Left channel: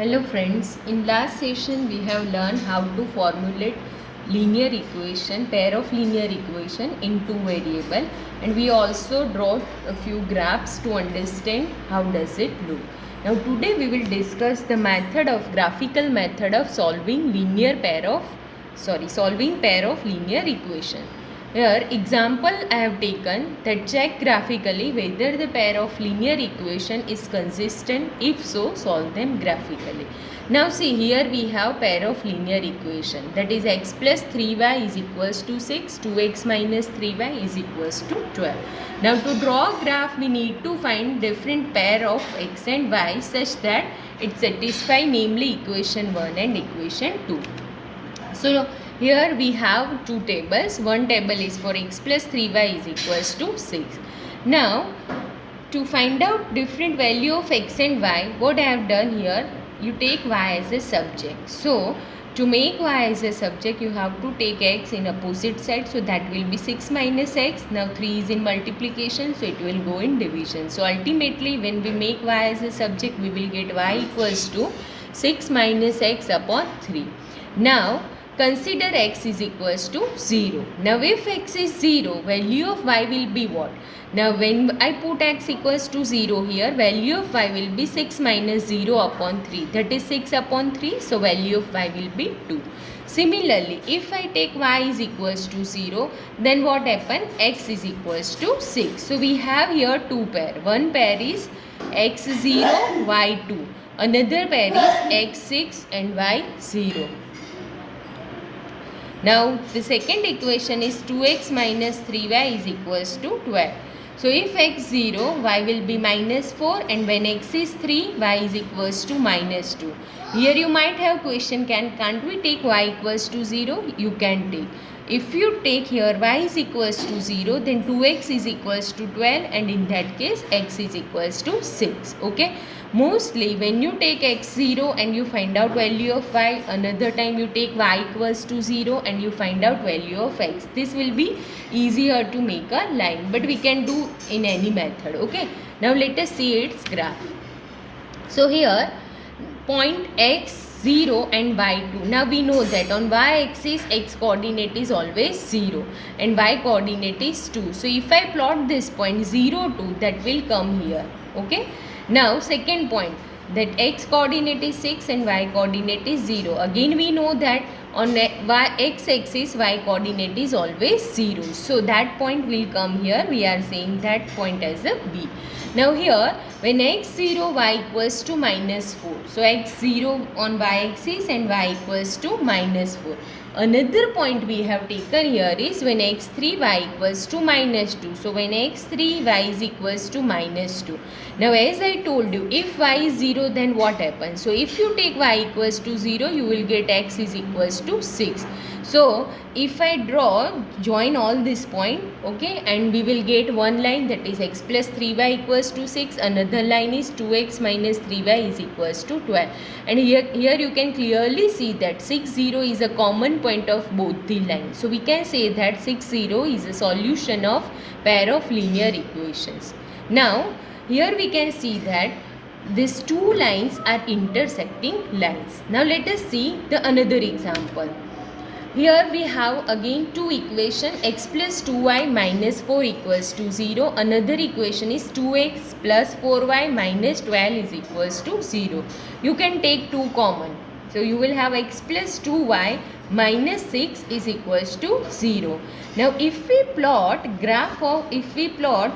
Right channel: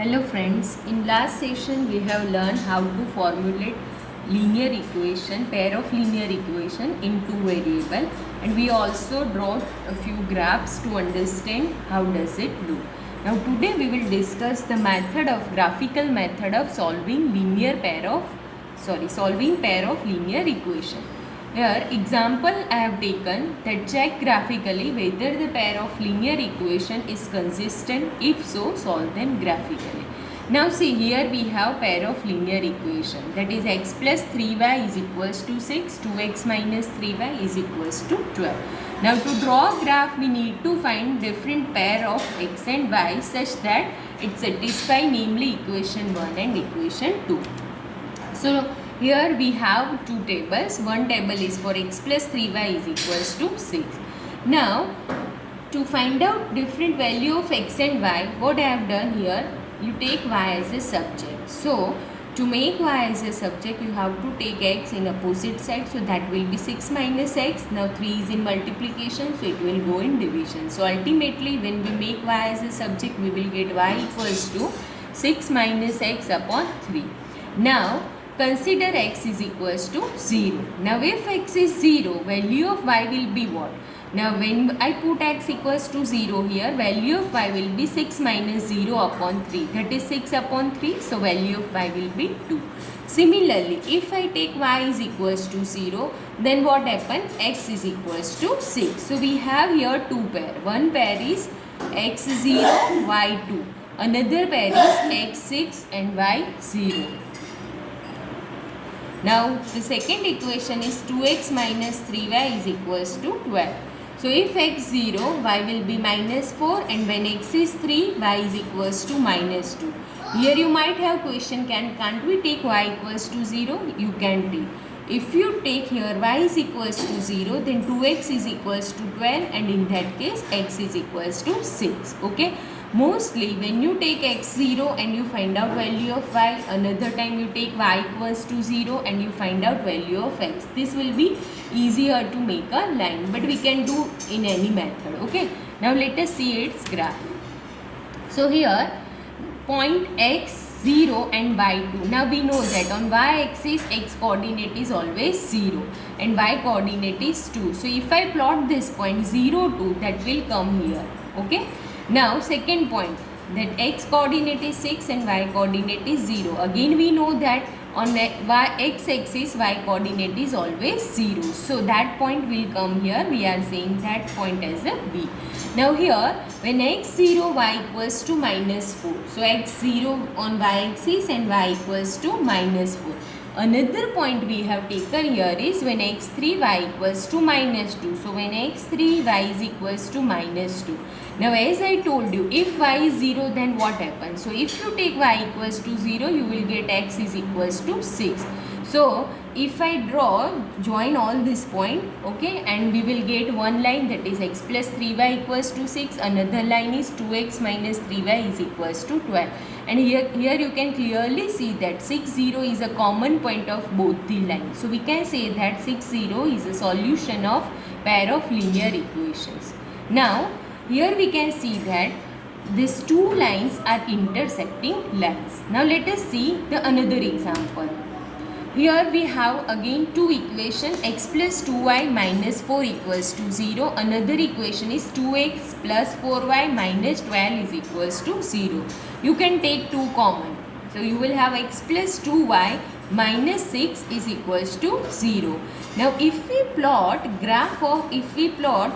Hello friends, in last session we have learned how to formulate linear equation, pair of linear equation in two variable, and we also draw a few graphs to understand how does it look. Now today we will discuss the graphical method of solving pair of linear equation. Here example I have taken that check graphically whether the pair of linear equation is consistent. If so, solve them graphically. Now see, here we have pair of linear equation, that is x plus 3y is equals to 6, 2x minus 3y is equals to 12. Now to draw a graph we need to find different pair of x and y such that it satisfy namely equation 1 and equation 2. So here we have two tables. One table is for x plus 3y is equals to 6. Now to find out different value of x and y, what I have done here, you take y as a subject. So to make y as a subject, you have to take x in opposite side. So that will be 6 minus x. Now 3 is in multiplication, so it will go in division. So ultimately when we make y as a subject, we will get y equals to 6 minus x upon 3. Now consider x is equals to 0. Now if x is 0, value of y will be what? Now when I put x equals to 0 here, value of y will be 6 minus 0 upon 3. That is 6 upon 3. So value of y will be 2. Similarly, if I take y is equals to 0, then what happens? X is equals to 6. So we have here two pair. One pair is x0, y2. Another pair is x6 and y0. Now the second equation is 2x minus 3y is equals to 12. So if x 0, y will be minus 4, and when x is 3, y is equals to minus 2. Here you might have question, can't we take y equals to 0? You can take. If you take here y is equals to 0, then 2x is equals to 12, and in that case x is equals to 6. Okay. Mostly when you take x0 and you find out value of y, another time you take y equals to 0 and you find out value of x. This will be easier to make a line, but we can do in any method. Okay. Now let us see its graph. So here point x0 and y2. Now we know that on y-axis x coordinate is always 0 and y coordinate is 2. So if I plot this point 0, 2, that will come here. Okay. Now second point, that x coordinate is 6 and y coordinate is 0. Again we know that on x axis y coordinate is always 0. So that point will come here. We are saying that point as a B. Now here when x0 y equals to minus 4. So x0 on y axis and y equals to minus 4. Another point we have taken here is when x3 y equals to minus 2. So when x3 y is equals to minus 2. Now as I told you, if y is 0, then what happens? So if you take y equals to 0, you will get x is equals to 6. So if I join all this point, okay, and we will get one line, that is x plus 3y equals to 6. Another line is 2x minus 3y is equals to 12. And here you can clearly see that 6, 0 is a common point of both the lines. So we can say that 6, 0 is a solution of pair of linear equations. Now here we can see that these two lines are intersecting lines. Now let us see the another example. Here we have again two equation, x plus 2y minus 4 equals to 0. Another equation is 2x plus 4y minus 12 is equals to 0. You can take two common. So you will have x plus 2y minus 6 is equals to 0. Now if we plot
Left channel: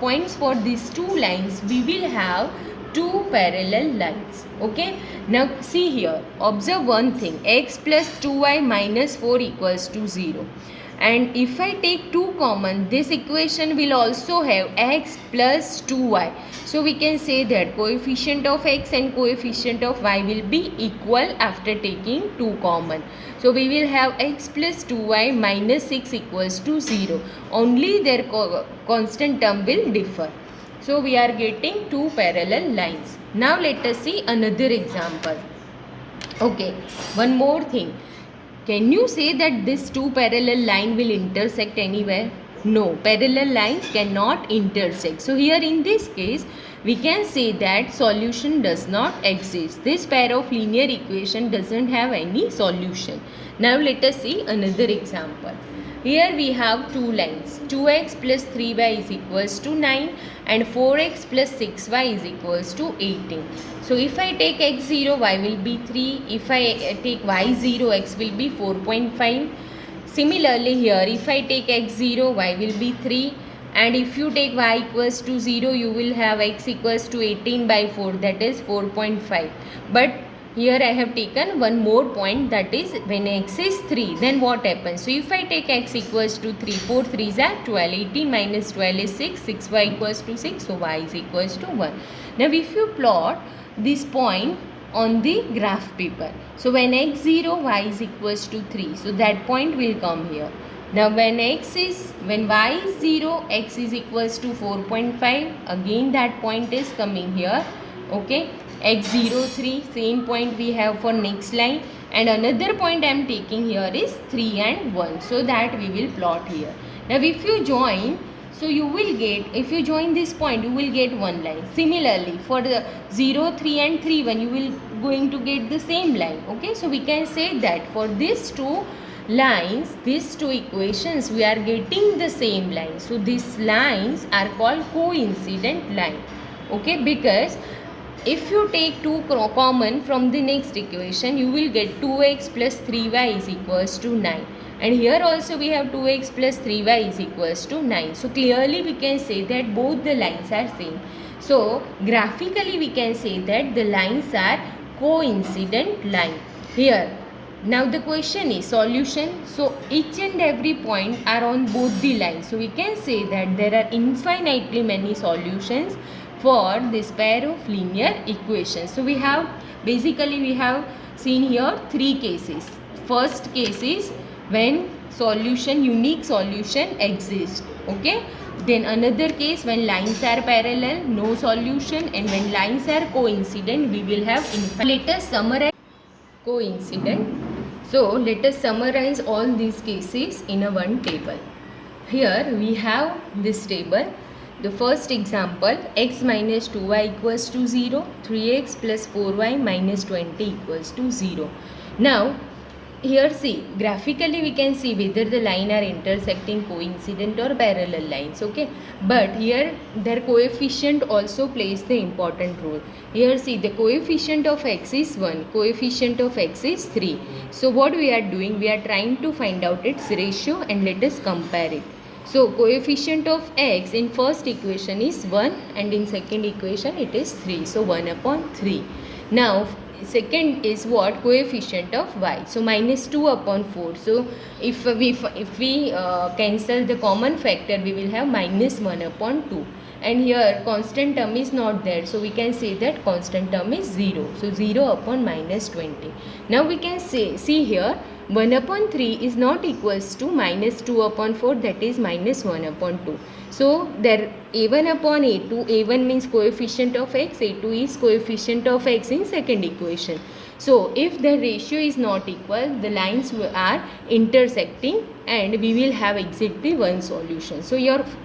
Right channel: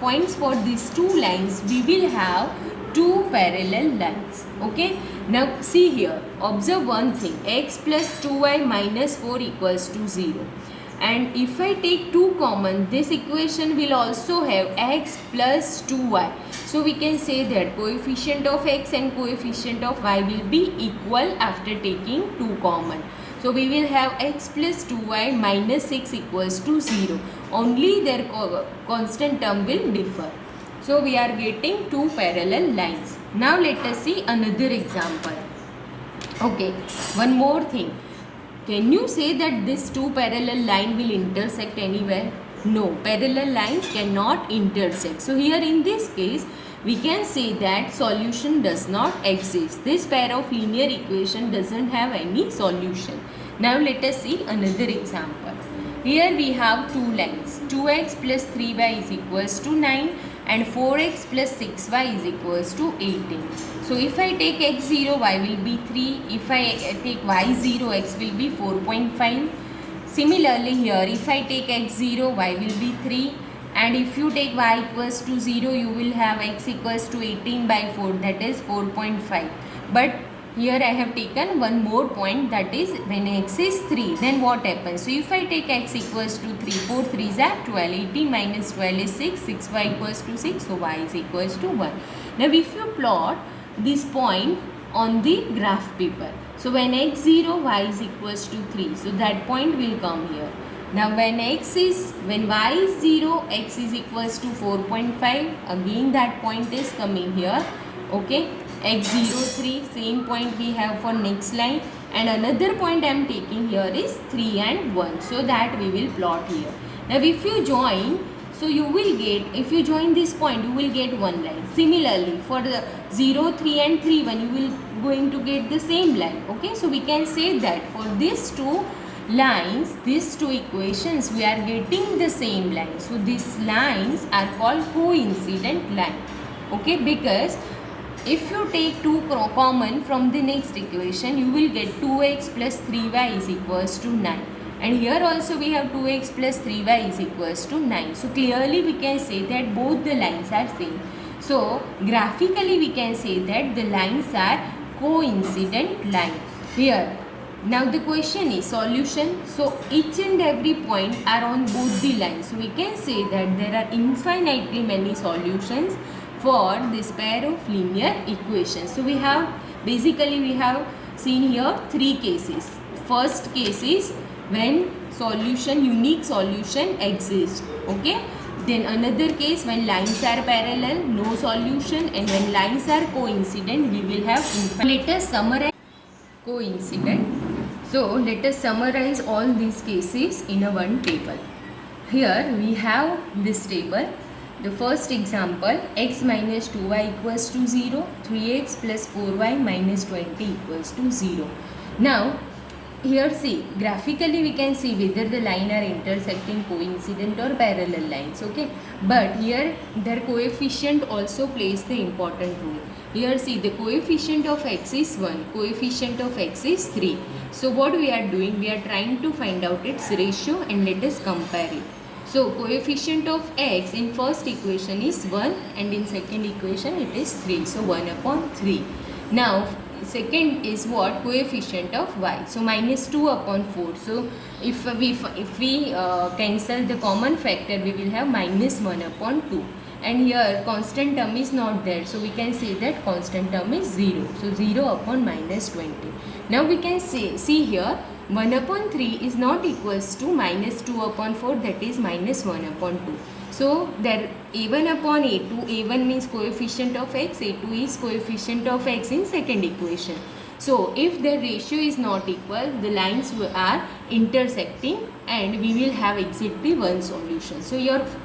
points for these two lines, we will have two parallel lines. Okay. Now see here, observe one thing, x plus 2y minus 4 equals to 0. And if I take 2 common, this equation will also have x plus 2y. So we can say that coefficient of x and coefficient of y will be equal after taking 2 common. So we will have x plus 2y minus 6 equals to 0. Only their constant term will differ. So we are getting two parallel lines. Now let us see another example. Okay, one more thing. Can you say that this two parallel line will intersect anywhere? No, parallel lines cannot intersect. So here in this case, we can say that solution does not exist. This pair of linear equation doesn't have any solution. Now let us see another example. Here we have two lines. 2x plus 3y is equals to 9 and 4x plus 6y is equals to 18. So if I take x0, y will be 3. If I take y0, x will be 4.5. Similarly here, if I take x0, y will be 3, and if you take y equals to 0, you will have x equals to 18 by 4, that is 4.5. But here I have taken one more point, that is when x is 3, then what happens? So if I take x equals to 3, 4 3s are 12, 18 minus 12 is 6, 6y equals to 6, so y is equals to 1. Now if you plot this point on the graph paper, so when x0, y is equals to 3, so that point will come here. Now when y is 0, x is equals to 4.5, again that point is coming here. Okay, x0, 3, same point we have for next line, and another point I am taking here is 3 and 1, so that we will plot here. Now if you join, so you will get, if you join this point, you will get one line. Similarly, for the 0, 3 and 3, 1, you will going to get the same line. Okay, so we can say that for these two lines, these two equations, we are getting the same line. So these lines are called coincident line. Okay, because if you take 2 common from the next equation, you will get 2x plus 3y is equals to 9. And here also we have 2x plus 3y is equals to 9. So clearly we can say that both the lines are same. So graphically we can say that the lines are coincident line. Here, now the question is solution. So each and every point are on both the lines. So we can say that there are infinitely many solutions for this pair of linear equations. So we have seen here three cases. First case is when unique solution exists. Okay. Then another case when lines are parallel, no solution, and when lines are coincident, we will have infinite. Let us summarize coincident. So let us summarize all these cases in a one table. Here we have this table. The first example, x minus 2y equals to 0, 3x plus 4y minus 20 equals to 0. Now here see, graphically we can see whether the line are intersecting, coincident or parallel lines. Okay, but here their coefficient also plays the important role. Here see, the coefficient of x is 1, coefficient of x is 3. So what we are doing, we are trying to find out its ratio and let us compare it. So coefficient of x in first equation is 1 and in second equation it is 3. So 1 upon 3. Now second is what? Coefficient of y. So minus 2 upon 4. So if we cancel the common factor, we will have minus 1 upon 2. And here constant term is not there. So we can say that constant term is 0. So 0 upon minus 20. Now we can see here 1 upon 3 is not equals to minus 2 upon 4, that is minus 1 upon 2. So there a1 upon a2, a1 means coefficient of x, a2 is coefficient of x in second equation. So if the ratio is not equal, the lines are intersecting and we will have exactly one solution. So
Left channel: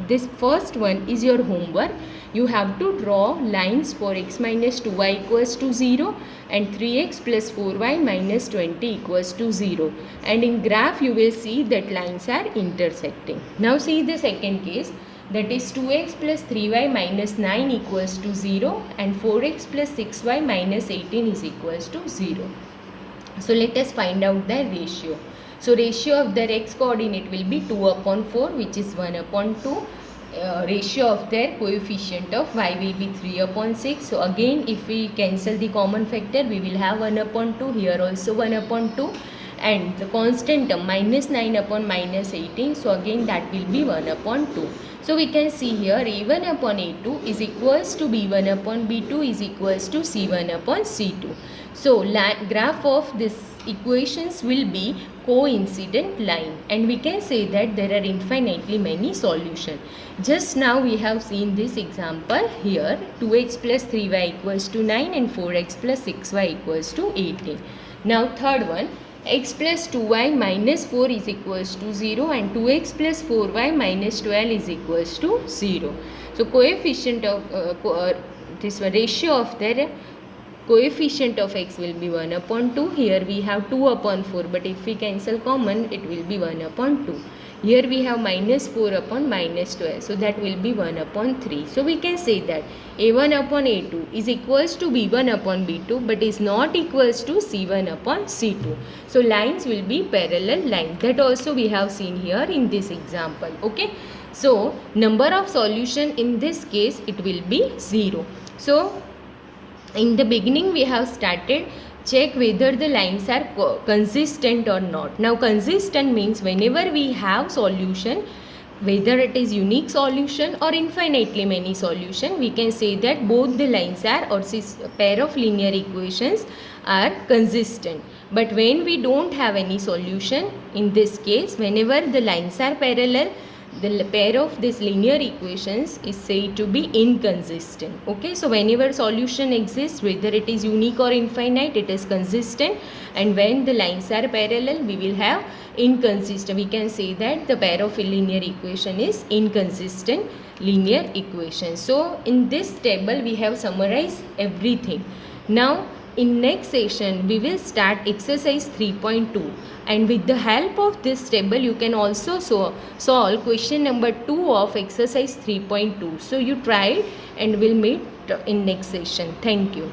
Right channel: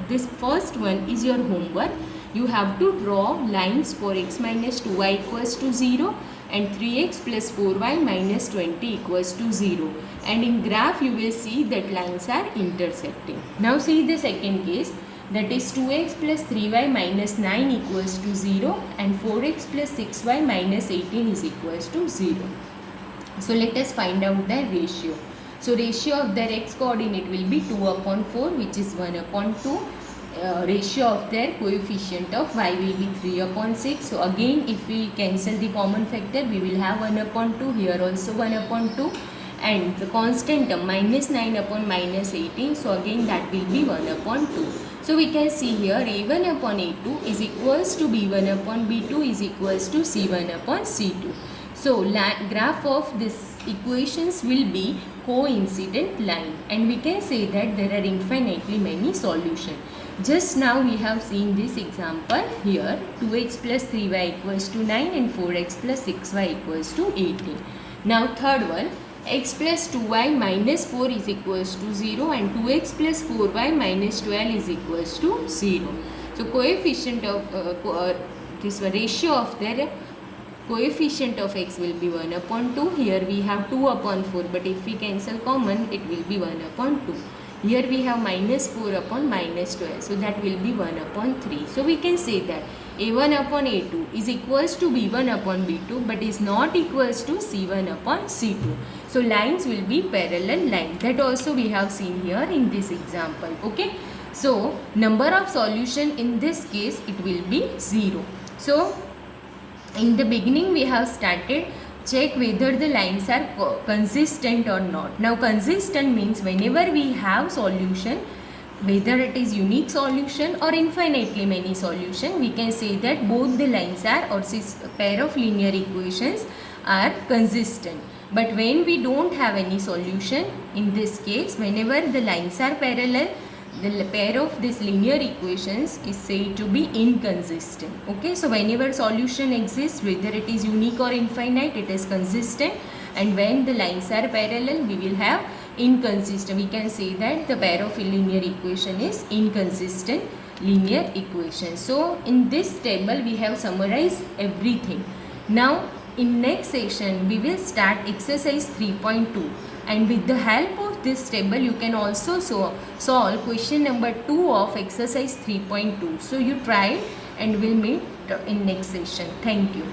this first one is your homework. You have to draw lines for x minus 2y equals to 0 and 3x plus 4y minus 20 equals to 0. And in graph you will see that lines are intersecting. Now see the second case, that is 2x plus 3y minus 9 equals to 0 and 4x plus 6y minus 18 is equals to 0. So let us find out their ratio. So ratio of their x coordinate will be 2 upon 4, which is 1 upon 2. Ratio of their coefficient of y will be 3 upon 6. So again if we cancel the common factor, we will have 1 upon 2, here also 1 upon 2, and the constant term minus 9 upon minus 18. So again that will be 1 upon 2. So we can see here a1 upon a2 is equals to b1 upon b2 is equals to c1 upon c2. So graph of this equations will be coincident line, and we can say that there are infinitely many solutions. Just now we have seen this example here, 2x plus 3y equals to 9 and 4x plus 6y equals to 18. Now third one, x plus 2y minus 4 is equals to 0 and 2x plus 4y minus 12 is equals to 0. So coefficient of this ratio of their coefficient of x will be 1 upon 2. Here we have 2 upon 4, but if we cancel common, it will be 1 upon 2. Here we have minus 4 upon minus 12, so that will be 1 upon 3. So we can say that a1 upon a2 is equals to b1 upon b2, but is not equals to c1 upon c2. So lines will be parallel lines. That also we have seen here in this example. Okay. So number of solution in this case, it will be 0. So in the beginning we have started check whether the lines are consistent or not. Now consistent means whenever we have solution, whether it is unique solution or infinitely many solution, we can say that both the lines are or pair of linear equations are consistent. But when we don't have any solution, in this case whenever the lines are parallel, the pair of these linear equations is said to be inconsistent. Okay, so whenever solution exists, whether it is unique or infinite, it is consistent, and when the lines are parallel, we will have inconsistent. We can say that the pair of linear equation is inconsistent linear equation. So in this table we have summarized everything. Now in next session we will start exercise 3.2. and with the help of this table you can also solve question number 2 of exercise 3.2. So you try it and we'll meet in next session. Thank you.